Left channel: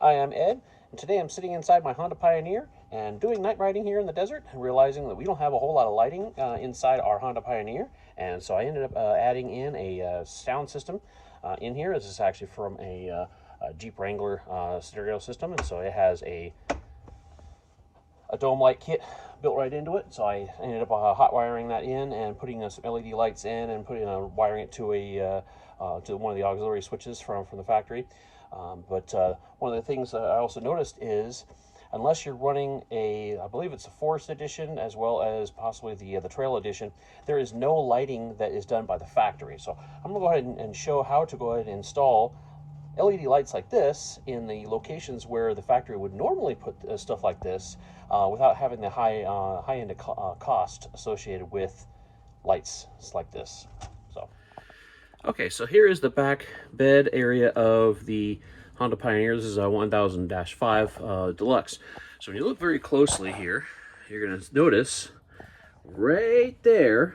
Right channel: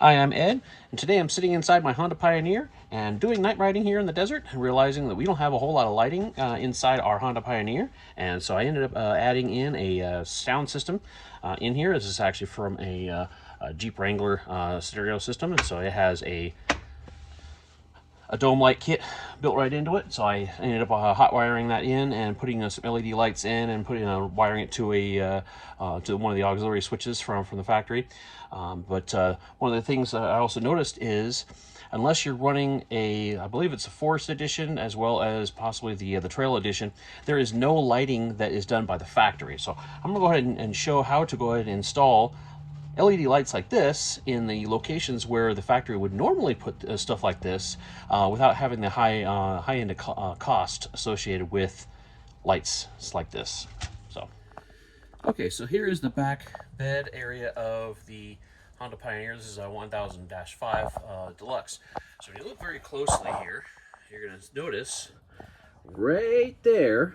Hi, I'm Ed, and today I'm sitting inside my Honda Pioneer and doing night riding here in the desert, and realizing that we don't have a whole lot of lighting inside our Honda Pioneer, and so I ended up adding in a sound system in here. This is actually from a Jeep Wrangler stereo system, and so it has a dome light kit built right into it. So I ended up hot wiring that in and putting some LED lights in and wiring it to to one of the auxiliary switches from the factory. But one of the things I also noticed is, unless you're running I believe it's a Forest Edition as well as possibly the Trail Edition, there is no lighting that is done by the factory. So I'm gonna go ahead and show how to go ahead and install LED lights like this in the locations where the factory would normally put stuff like this without having the high end cost associated with lights like this. Okay, so here is the back bed area of the Honda Pioneer. This is a 1000-5 Deluxe. So when you look very closely here, you're going to notice right there,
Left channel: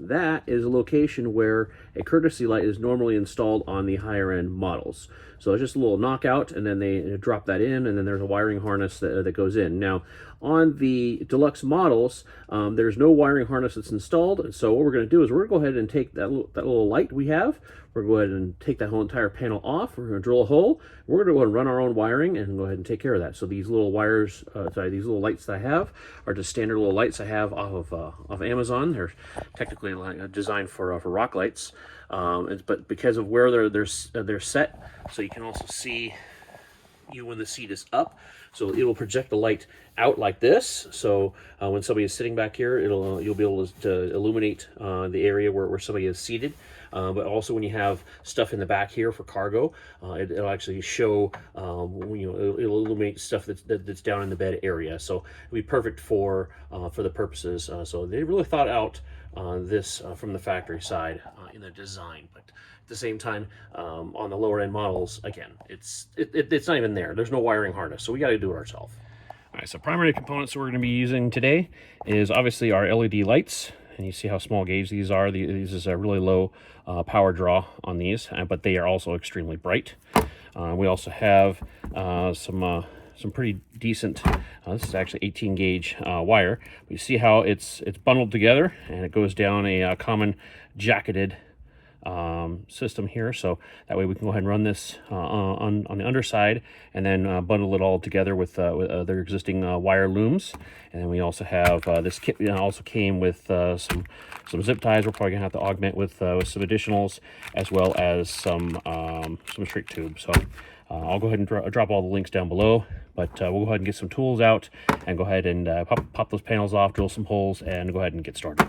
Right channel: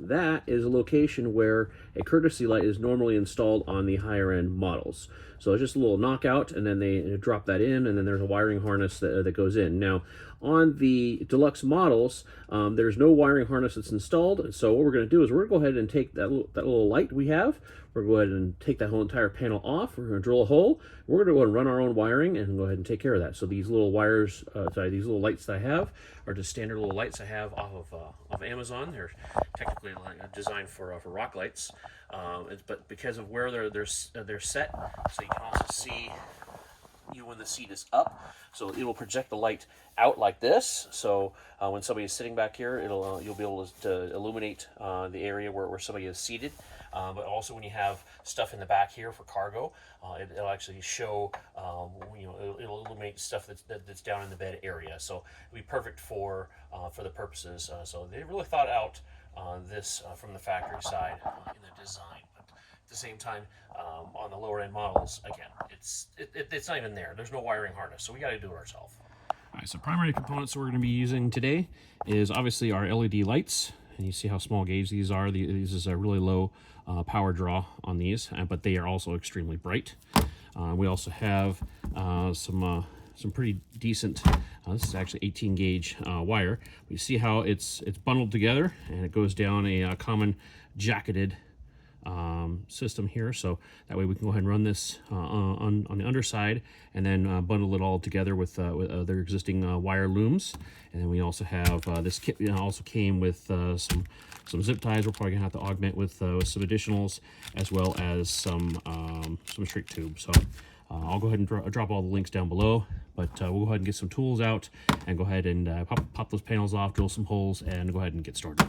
that is a location where a courtesy light is normally installed on the higher end models. So it's just a little knockout, and then they drop that in, and then there's a wiring harness that goes in. Now, on the Deluxe models, there's no wiring harness that's installed. So what we're going to do is we're going to go ahead and take that little light we have. We're going to go ahead and take that whole entire panel off. We're going to drill a hole. We're going to go ahead and run our own wiring and go ahead and take care of that. So these little wires, these little lights that I have are just standard little lights I have off of Amazon. They're technically designed for rock lights, but because of where they're set, so you can also see when the seat is up. So it will project the light out like this. So when somebody is sitting back here, you'll be able to illuminate the area where somebody is seated. But also when you have stuff in the back here for cargo, it'll actually show, it'll illuminate stuff that's down in the bed area. So it'll be perfect for the purposes. So they really thought out this from the factory side in the design. But at the same time, on the lower end models, again, it's not even there. There's no wiring harness, so we got to do it ourselves. All right, so primary components we're going to be using today is obviously our LED lights, and you see how small gauge these are. These is a really low power draw on these, but they are also extremely bright. We also have some pretty decent. This is actually 18 gauge wire. You see how it's bundled together, and it goes down a common jacketed system here, so that way we can go ahead and run this on the underside, and then bundle it all together with other existing wire looms. And then we also have this kit also came with some zip ties. We're probably gonna have to augment with some additionals, as well as some straight tubes. So I'll go ahead and drop all the links down below, but we'll go ahead and get some tools out and go ahead and pop those panels off, drill some holes, and go ahead and get started.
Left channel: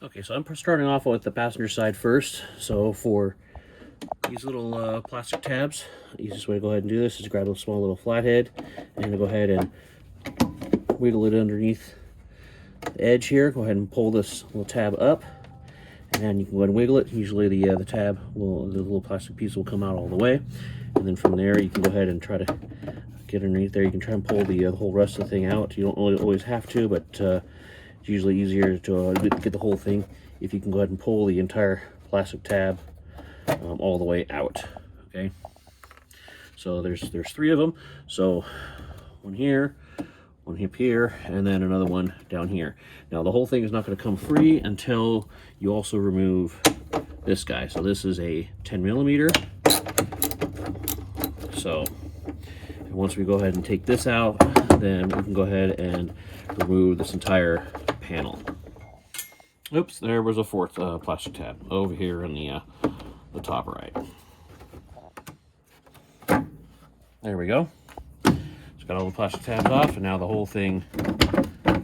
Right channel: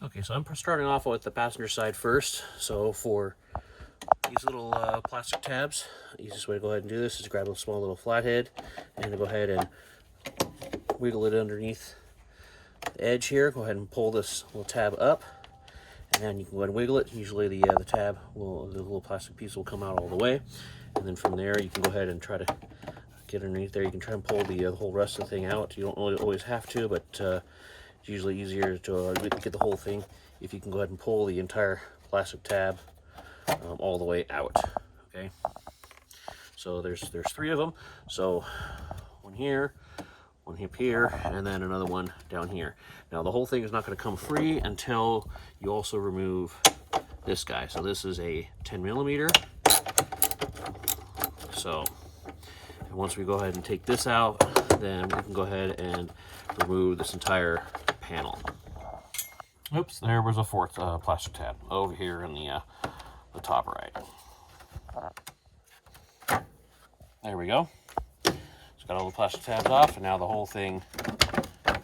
Okay, so I'm starting off with the passenger side first. So for these little plastic tabs, the easiest way to go ahead and do this is grab a small little flathead and go ahead and wiggle it underneath the edge here. Go ahead and pull this little tab up, and then you can go ahead and wiggle it. Usually the tab the little plastic piece will come out all the way, and then from there you can go ahead and try to get underneath there. You can try and pull the whole rest of the thing out. You don't really always have to, but it's usually easier to get the whole thing if you can go ahead and pull the entire plastic tab all the way out. Okay, so there's 3 of them. So one here, one up here, and then another one down here. Now the whole thing is not going to come free until you also remove this guy. So this is a 10mm. So once we go ahead and take this out, then we can go ahead and remove this entire panel. Oops, there was a 4th plastic tab over here in the top right. There we go. It's got all the plastic tabs off, and now the whole thing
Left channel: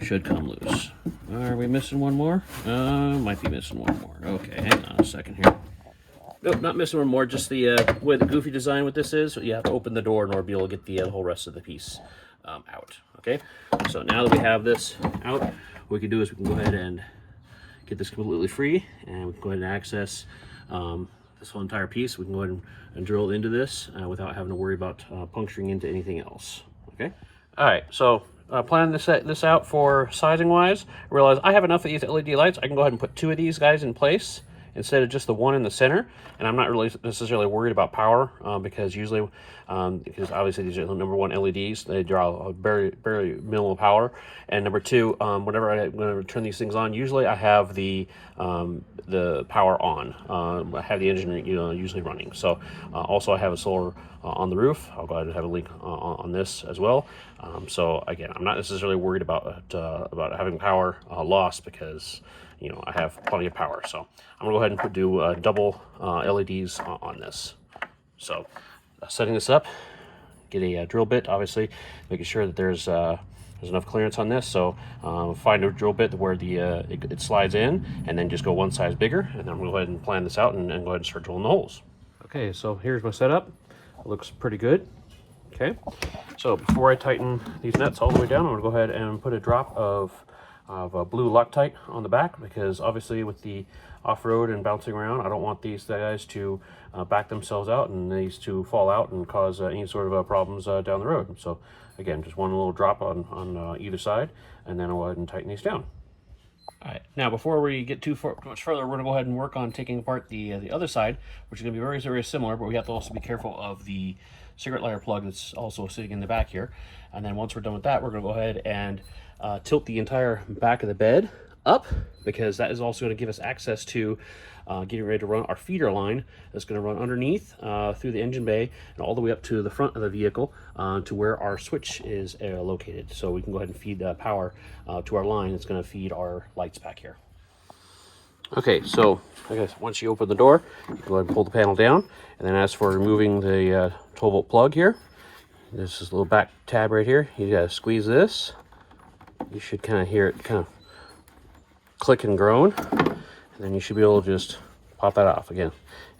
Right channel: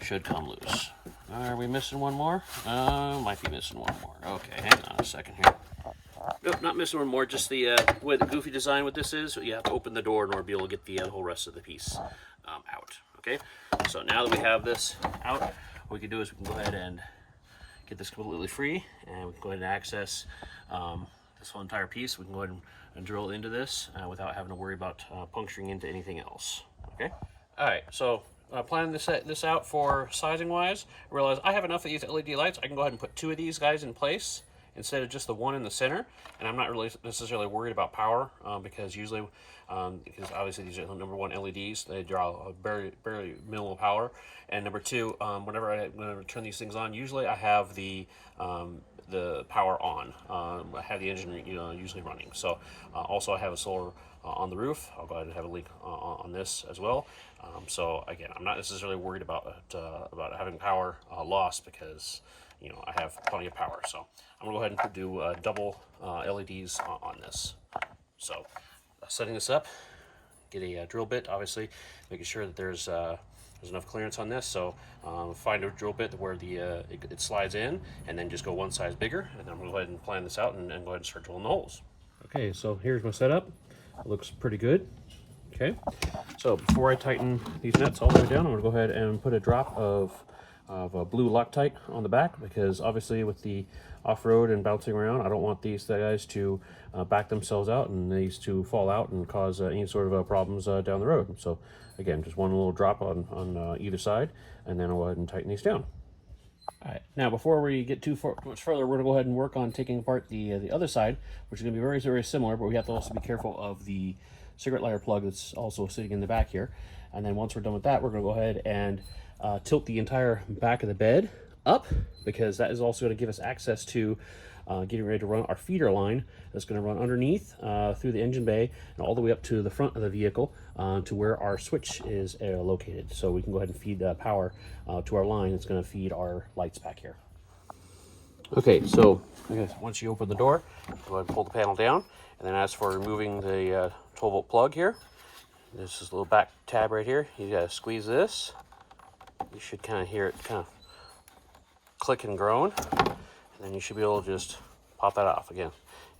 should come loose. Are we missing one more? Might be missing one more. Okay, hang on a second here. Nope, not missing one more. Just the way the goofy design with this is, you have to open the door in order to be able to get the whole rest of the piece out. Okay, so now that we have this out, what we can do is we can go ahead and get this completely free, and we can go ahead and access this whole entire piece. We can go ahead and drill into this without having to worry about puncturing into anything else. Okay. All right. So plan this out for sizing wise. I realize I have enough of these LED lights. I can go ahead and put 2 of these guys in place, instead of just the one in the center. And I'm not really necessarily worried about power because usually, because obviously these are the number one LEDs, they draw a very minimal power. And number two, whenever I'm going to turn these things on, usually I have the power on. I have the engine usually running. So also I have a solar on the roof. I'll go ahead and have a link on this as well. So again, I'm not necessarily worried about having power loss because I have plenty of power. So I'm gonna go ahead and do double LEDs on this. So setting this up, get a drill bit, obviously making sure that there's enough clearance on this. So find a drill bit where it slides in, and then just go one size bigger, and then I'm gonna go ahead and plan this out and go ahead and start drilling the holes. Okay, so here's my setup. It looks pretty good. Okay, so before I tighten these nuts all the way down, I'm gonna go ahead and put a drop of blue Loctite on the back, because obviously with the off-road and bouncing around, I don't want these guys to back themselves out and these to fall out and cause any sort of problems down the road. So again, just one little drop on either side, and then I'll go ahead and tighten these down. All right, now before we get too much further, we're gonna go ahead and work on taking apart the other side, which is gonna be very similar, but we have to also be careful of the cigarette lighter plug that's also sitting in the back here. And then once we're done with that, we're gonna go ahead and tilt the entire back of the bed up, because that is also going to give us access to getting ready to run our feeder line that's going to run underneath through the engine bay and all the way up to the front of the vehicle to where our switch is located. So we can go ahead and feed power to our line that's going to feed our lights back here. Okay, so I guess once you open the door, you go ahead and pull the panel down, and then as for removing the 12-volt plug here, this is a little back tab right here. You got to squeeze this. You should kind of hear it kind of click and groan, and then you should be able to just pop that off. Again,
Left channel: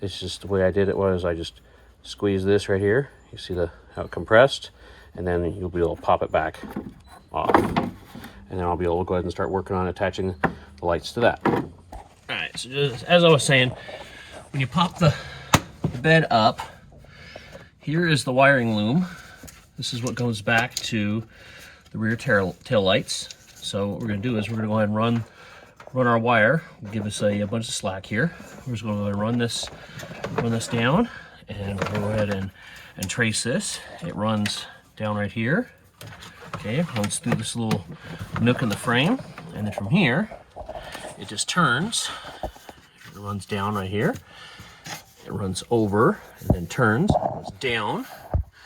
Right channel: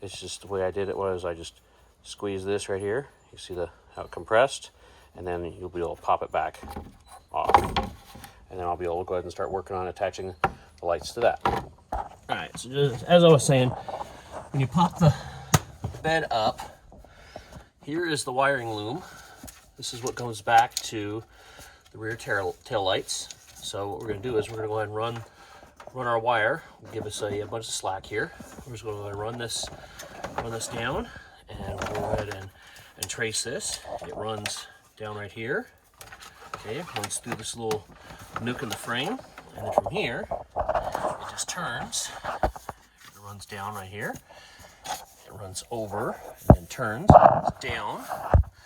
it's just the way I did it was I just squeeze this right here. You see how it compressed, and then you'll be able to pop it back off. And then I'll be able to go ahead and start working on attaching the lights to that. All right, so just as I was saying, when you pop the bed up, here is the wiring loom. This is what goes back to the rear tail lights. So what we're going to do is we're going to go ahead and run our wire. We'll give us a bunch of slack here. We're just going to go ahead and run this down, and we'll go ahead and trace this. It runs down right here. Okay, it runs through this little nook in the frame, and then from here it just turns. It runs down right here. It runs over and then turns, runs down,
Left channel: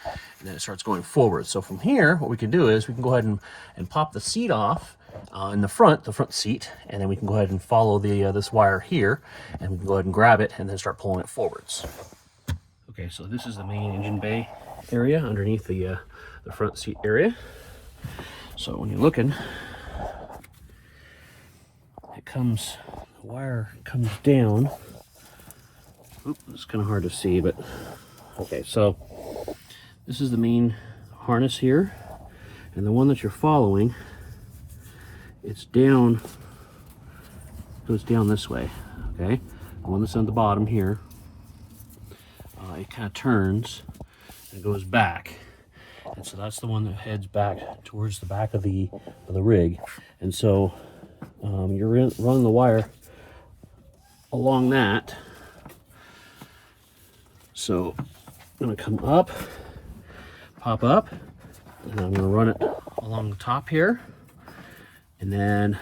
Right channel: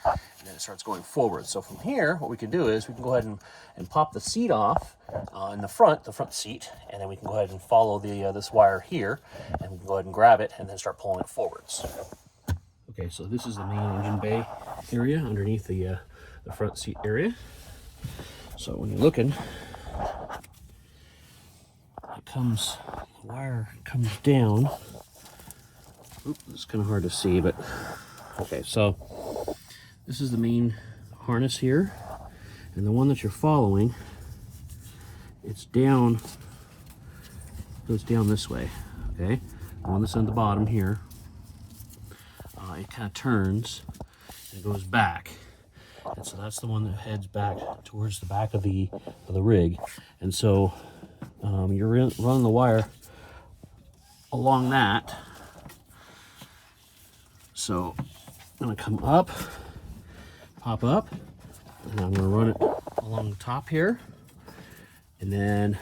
and then it starts going forward. So from here, what we can do is we can go ahead and pop the seat off in the front seat, and then we can go ahead and follow this wire here, and we can go ahead and grab it and then start pulling it forwards. Okay, so this is the main engine bay area underneath the front seat area. So when you're looking, the wire comes down. Oop, it's kind of hard to see, but okay, so this is the main harness here, and the one that you're following, it's down, goes down this way, okay? The one that's on the bottom here, it kind of turns and goes back, and so that's the one that heads back towards the back of the rig. And so you're running the wire along that. So I'm gonna come up, pop up, and I'm gonna run it along the top here, and then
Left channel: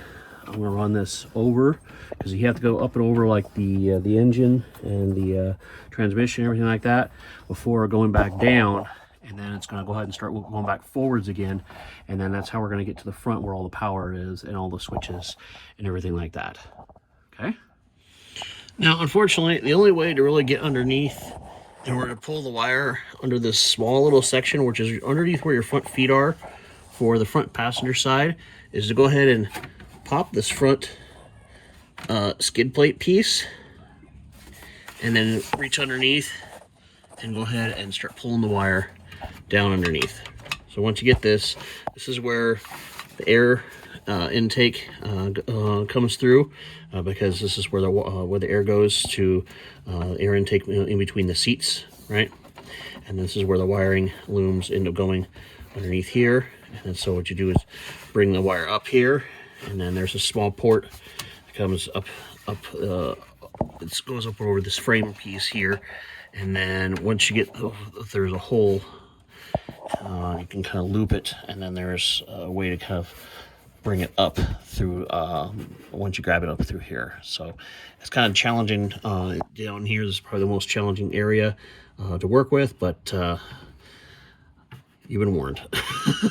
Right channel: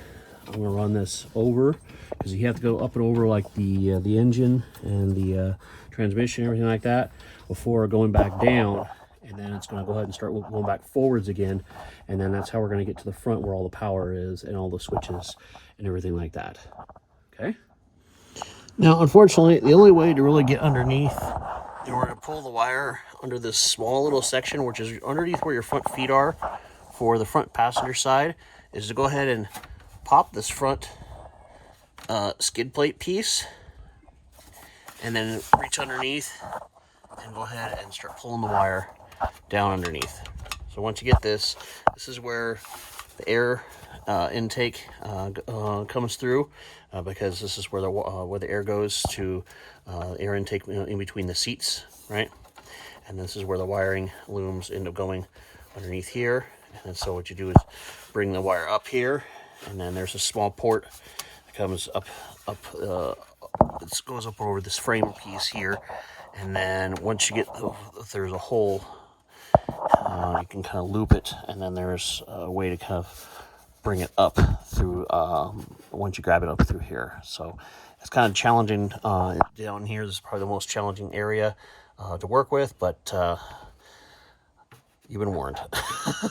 I'm gonna run this over, because you have to go up and over like the engine and the transmission, everything like that, before going back down. And then it's going to go ahead and start going back forwards again, and then that's how we're going to get to the front where all the power is and all the switches and everything like that. Okay, now unfortunately the only way to really get underneath in order to pull the wire under this small little section, which is underneath where your front feet are for the front passenger side, is to go ahead and pop this front skid plate piece, and then reach underneath and go ahead and start pulling the wire down underneath. So once you get this is where the air intake comes through, because this is where the air goes to air intake in between the seats, right? And this is where the wiring looms end up going underneath here. And so what you do is bring the wire up here, and then there's a small port that comes up it goes up over this frame piece here, and then once you get, if there's a hole, you can kind of loop it, and then there's a way to kind of bring it up through, once you grab it up through here. So it's kind of challenging down here. This is probably the most challenging area to work with, but you've been warned.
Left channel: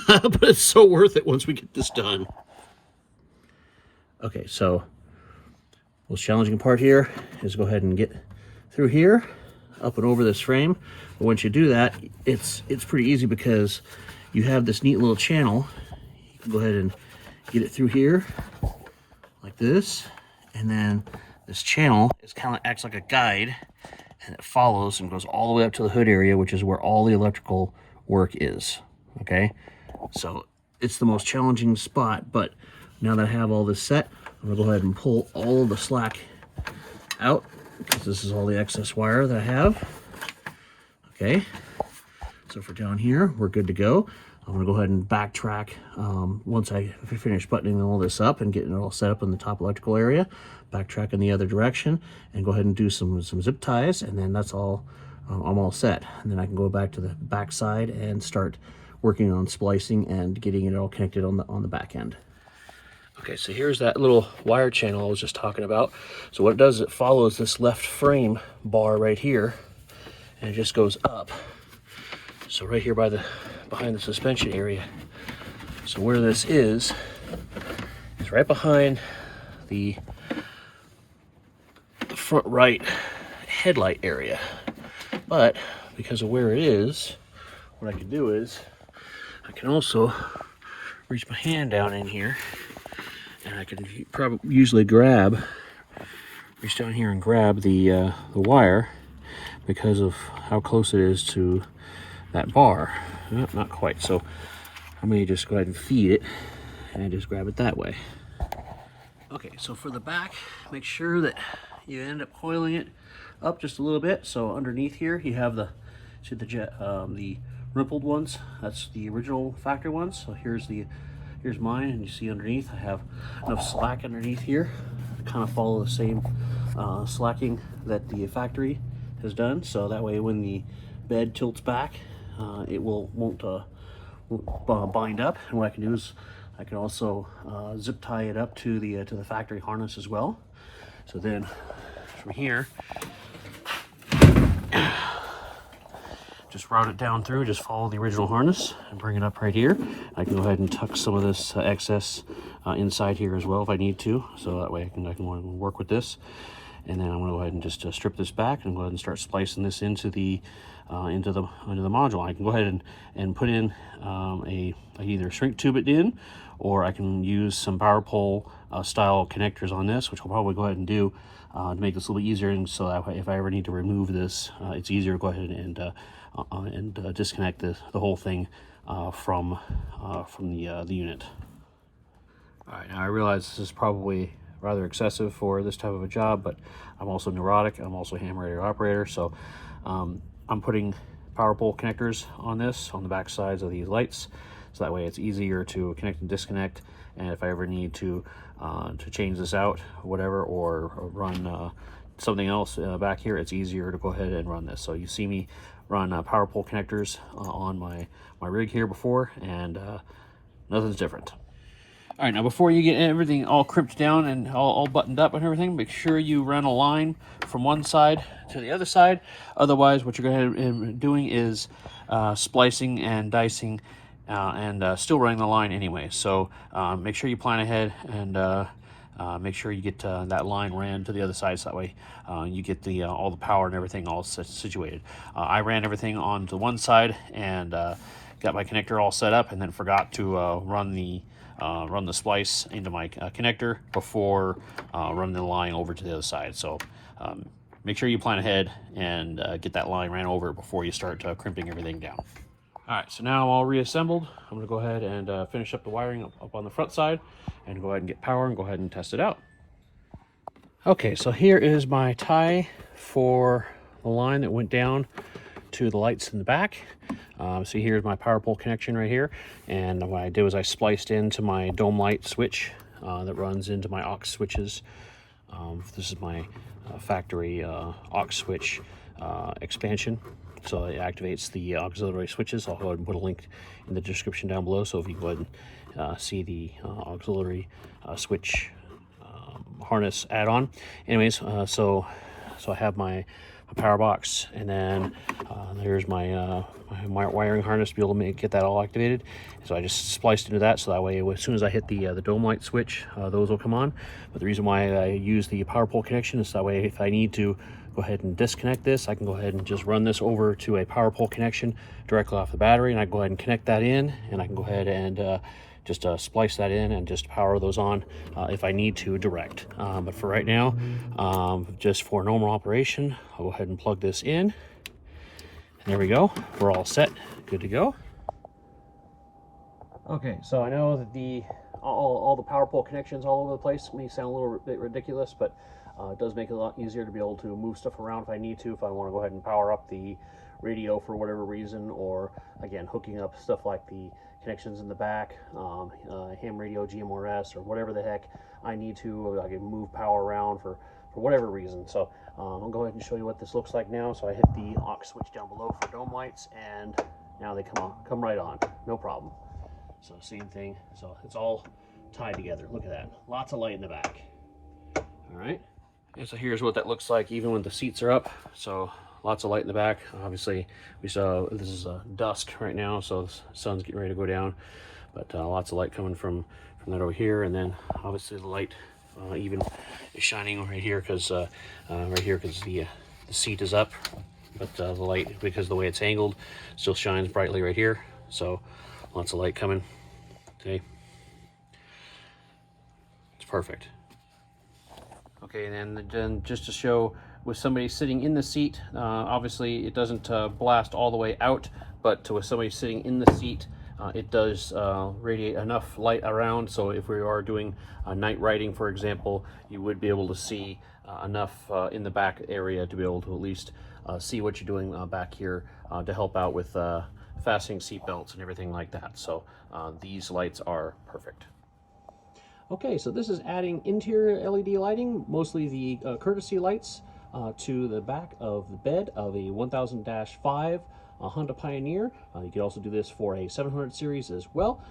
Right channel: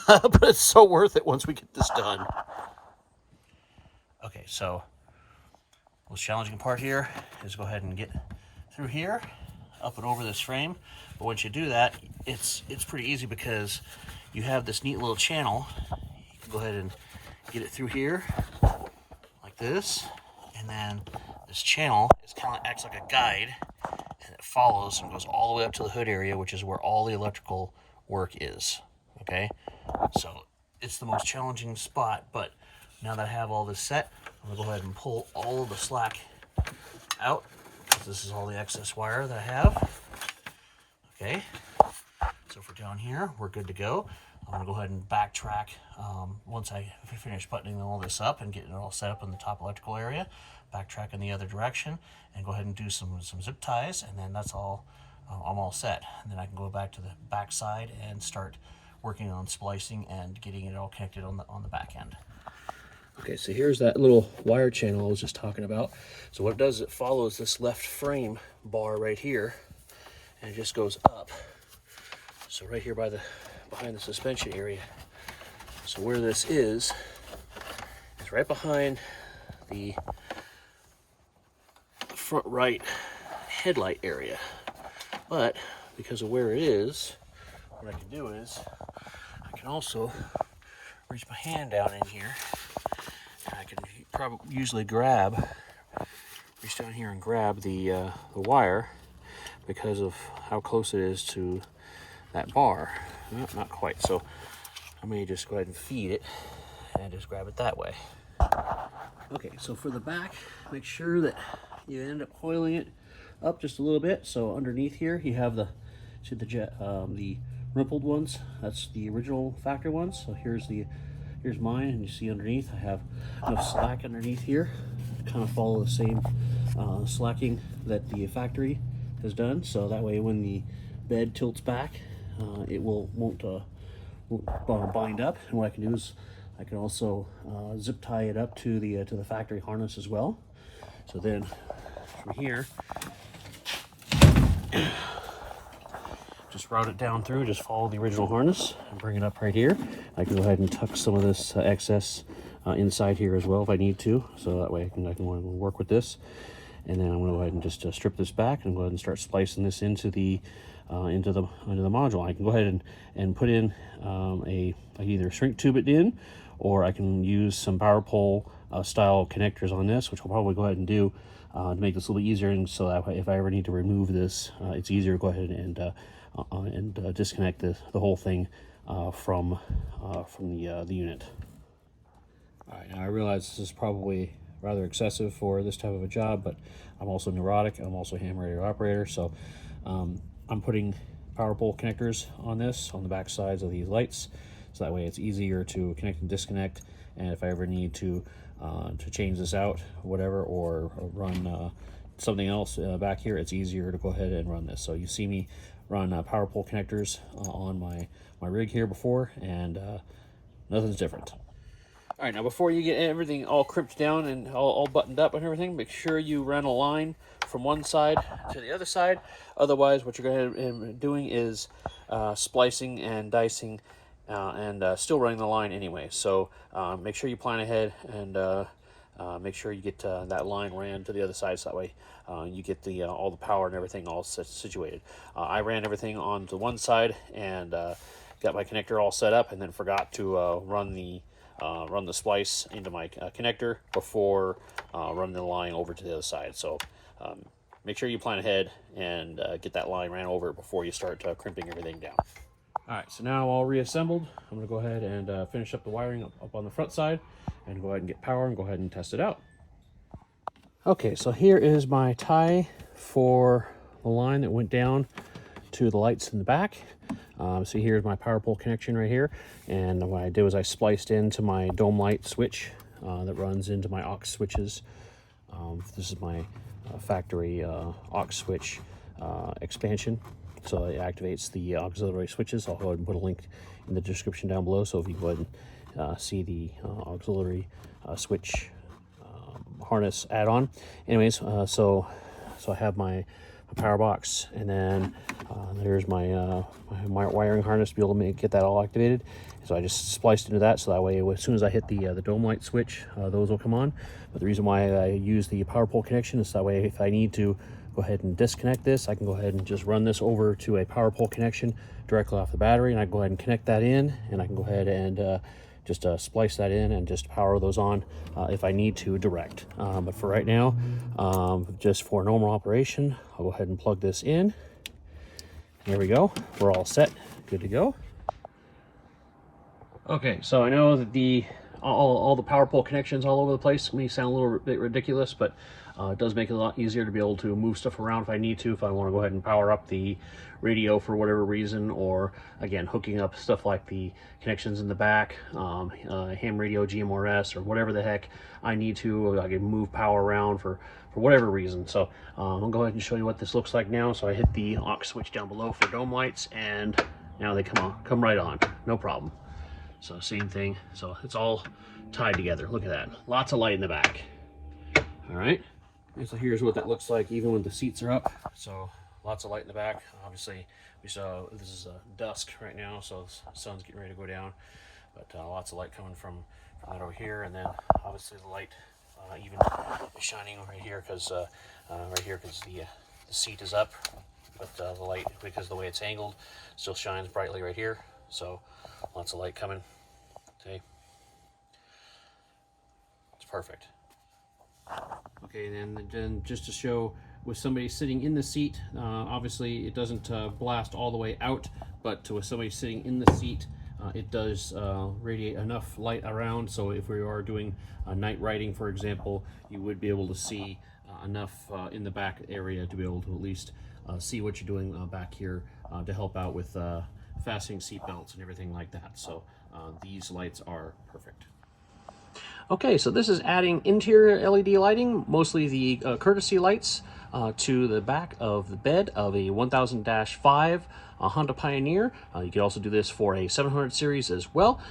But it's so worth it once we get this done. Okay, so most challenging part here is go ahead and get through here, up and over this frame. But once you do that, it's pretty easy because you have this neat little channel. You can go ahead and get it through here like this, and then this channel is kind of acts like a guide, and it follows and goes all the way up to the hood area, which is where all the electrical work is. Okay, so it's the most challenging spot, but now that I have all this set, I'm gonna go ahead and pull all of the slack out, because this is all the excess wire that I have. Okay, so for down here, we're good to go. I'm gonna go ahead and backtrack once I finish buttoning all this up and getting it all set up in the top electrical area, backtrack in the other direction, and go ahead and do some zip ties, and then that's all, I'm all set. And then I can go back to the back side and start working on splicing and getting it all connected on the back end. Okay, so here's that little wire channel I was just talking about. So what it does is it follows this left frame bar right here, and it just goes up. So right here behind the suspension area. So where this is right behind the front right headlight area. But because of where it is, what I can do is I can also reach my hand down in here, and I can probably usually reach down here and grab the wire because of how close it is to that bar. Yep, not quite. So I may just go ahead and feed it and just grab it that way. Okay, so for the back, make sure that you end up coiling it up just a little bit. So underneath here, you have the rippled ones. That's the original factory ones. So here's mine, and you see underneath I have enough slack underneath here to kind of follow the same slacking that the factory has done. So that way, when the bed tilts back, it won't bind up. And what I can do is I can also zip tie it up to the factory harness as well. So then from here, just route it down through, just follow the original harness and bring it up right here. I can go ahead and tuck some of this excess inside here as well if I need to, so that way I can work with this. And then I'm going to go ahead and just strip this back and go ahead and start splicing this into the module. I can go ahead and put in I can either shrink tube it in, or I can use some power pole style connectors on this, which we'll probably go ahead and do to make this a little bit easier, and so that if I ever need to remove this, it's easier to go ahead and disconnect the whole thing from the unit. All right, now I realize this is probably rather excessive for this type of a job, but I'm also neurotic. I'm also a ham radio operator, so I'm putting power pole connectors on this on the back sides of these lights, so that way it's easier to connect and disconnect. And if I ever need to change this out, whatever, or run something else back here, it's easier to go ahead and run this. So you see me run power pole connectors on my rig here before, and nothing's different. All right, now before you get everything all crimped down and all buttoned up and everything, make sure you run a line from one side to the other side. Otherwise, what you're going to end up doing is splicing and dicing and still running the line anyway. So make sure you plan ahead and make sure you get that line ran to the other side, so that way you get all the power and everything all situated. I ran everything onto one side and got my connector all set up, and then forgot to run the splice into my connector before running the line over to the other side. So make sure you plan ahead and get that line ran over before you start crimping everything down. All right, so now all reassembled, I'm gonna go ahead and finish up the wiring up on the front side and go ahead and get power and go ahead and test it out. Okay, so here is my tie for the line that went down to the lights in the back. So here's my power pole connection right here, and what I did was I spliced into my dome light switch that runs into my aux switches. This is my factory aux switch expansion, so it activates the auxiliary switches. I'll go ahead and put a link in the description down below, so if you go ahead and see the auxiliary switch harness add-on. Anyways, so I have my power box, and then there's my my wiring harness to be able to get that all activated. So I just spliced into that, so that way as soon as I hit the dome light switch, those will come on. But the reason why I use the power pole connection is that way if I need to go ahead and disconnect this, I can go ahead and just run this over to a power pole connection directly off the battery, and I go ahead and connect that in, and I can go ahead and just splice that in and just power those on if I need to direct. But for right now, just for normal operation, I'll go ahead and plug this in. There we go. We're all set. Good to go. Okay, so I know that all the power pole connections all over the place may sound a little bit ridiculous, but it does make it a lot easier to be able to move stuff around if I need to, if I want to go ahead and power up the radio for whatever reason, or again hooking up stuff like the connections in the back, ham radio, GMRS, or whatever the heck I need to. I can move power around for whatever reason. So I'll go ahead and show you what this looks like now. So I hit the aux switch down below for dome lights, and now they come right on, no problem. So same thing, so it's all tied together. Look at that, lots of light in the back. All right, and so here's what that looks like even when the seats are up. So lots of light in the back. Obviously we saw this is dusk right now, so the sun's getting ready to go down, but lots of light coming from that over here. And then obviously the light even is shining right here because the seat is up, but the light, because of the way it's angled, still shines brightly right here. So lots of light coming. Okay, it's perfect. Okay, and then just to show, with somebody sitting in the seat, obviously it doesn't blast all the way out, but with somebody sitting in the seat, it does radiate enough light around, so if we are doing night riding, for example, you would be able to see enough in the back area to be able to at least see what you're doing back here, to help out with fastening seat belts and everything like that. So these lights are perfect. Okay, so this is adding interior LED lighting, mostly the Curtesy lights, to the back of the bed of a 1000-5 Honda Pioneer. You can also do this for a 700 series as well.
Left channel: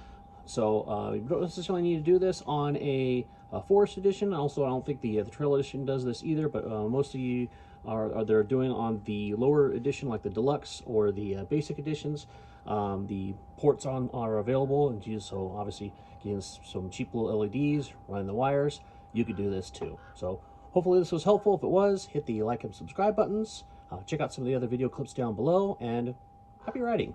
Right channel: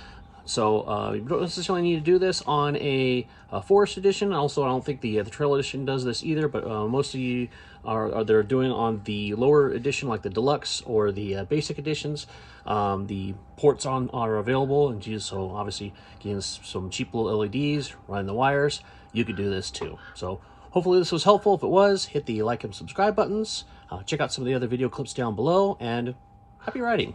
So you don't necessarily need to do this on a Forest Edition. Also, I don't think the Trail Edition does this either, but mostly they're doing on the lower edition, like the Deluxe or the Basic Editions. The ports are available, and so obviously getting some cheap little LEDs, running the wires, you could do this too. So hopefully this was helpful. If it was, hit the like and subscribe buttons. Check out some of the other video clips down below, and happy riding.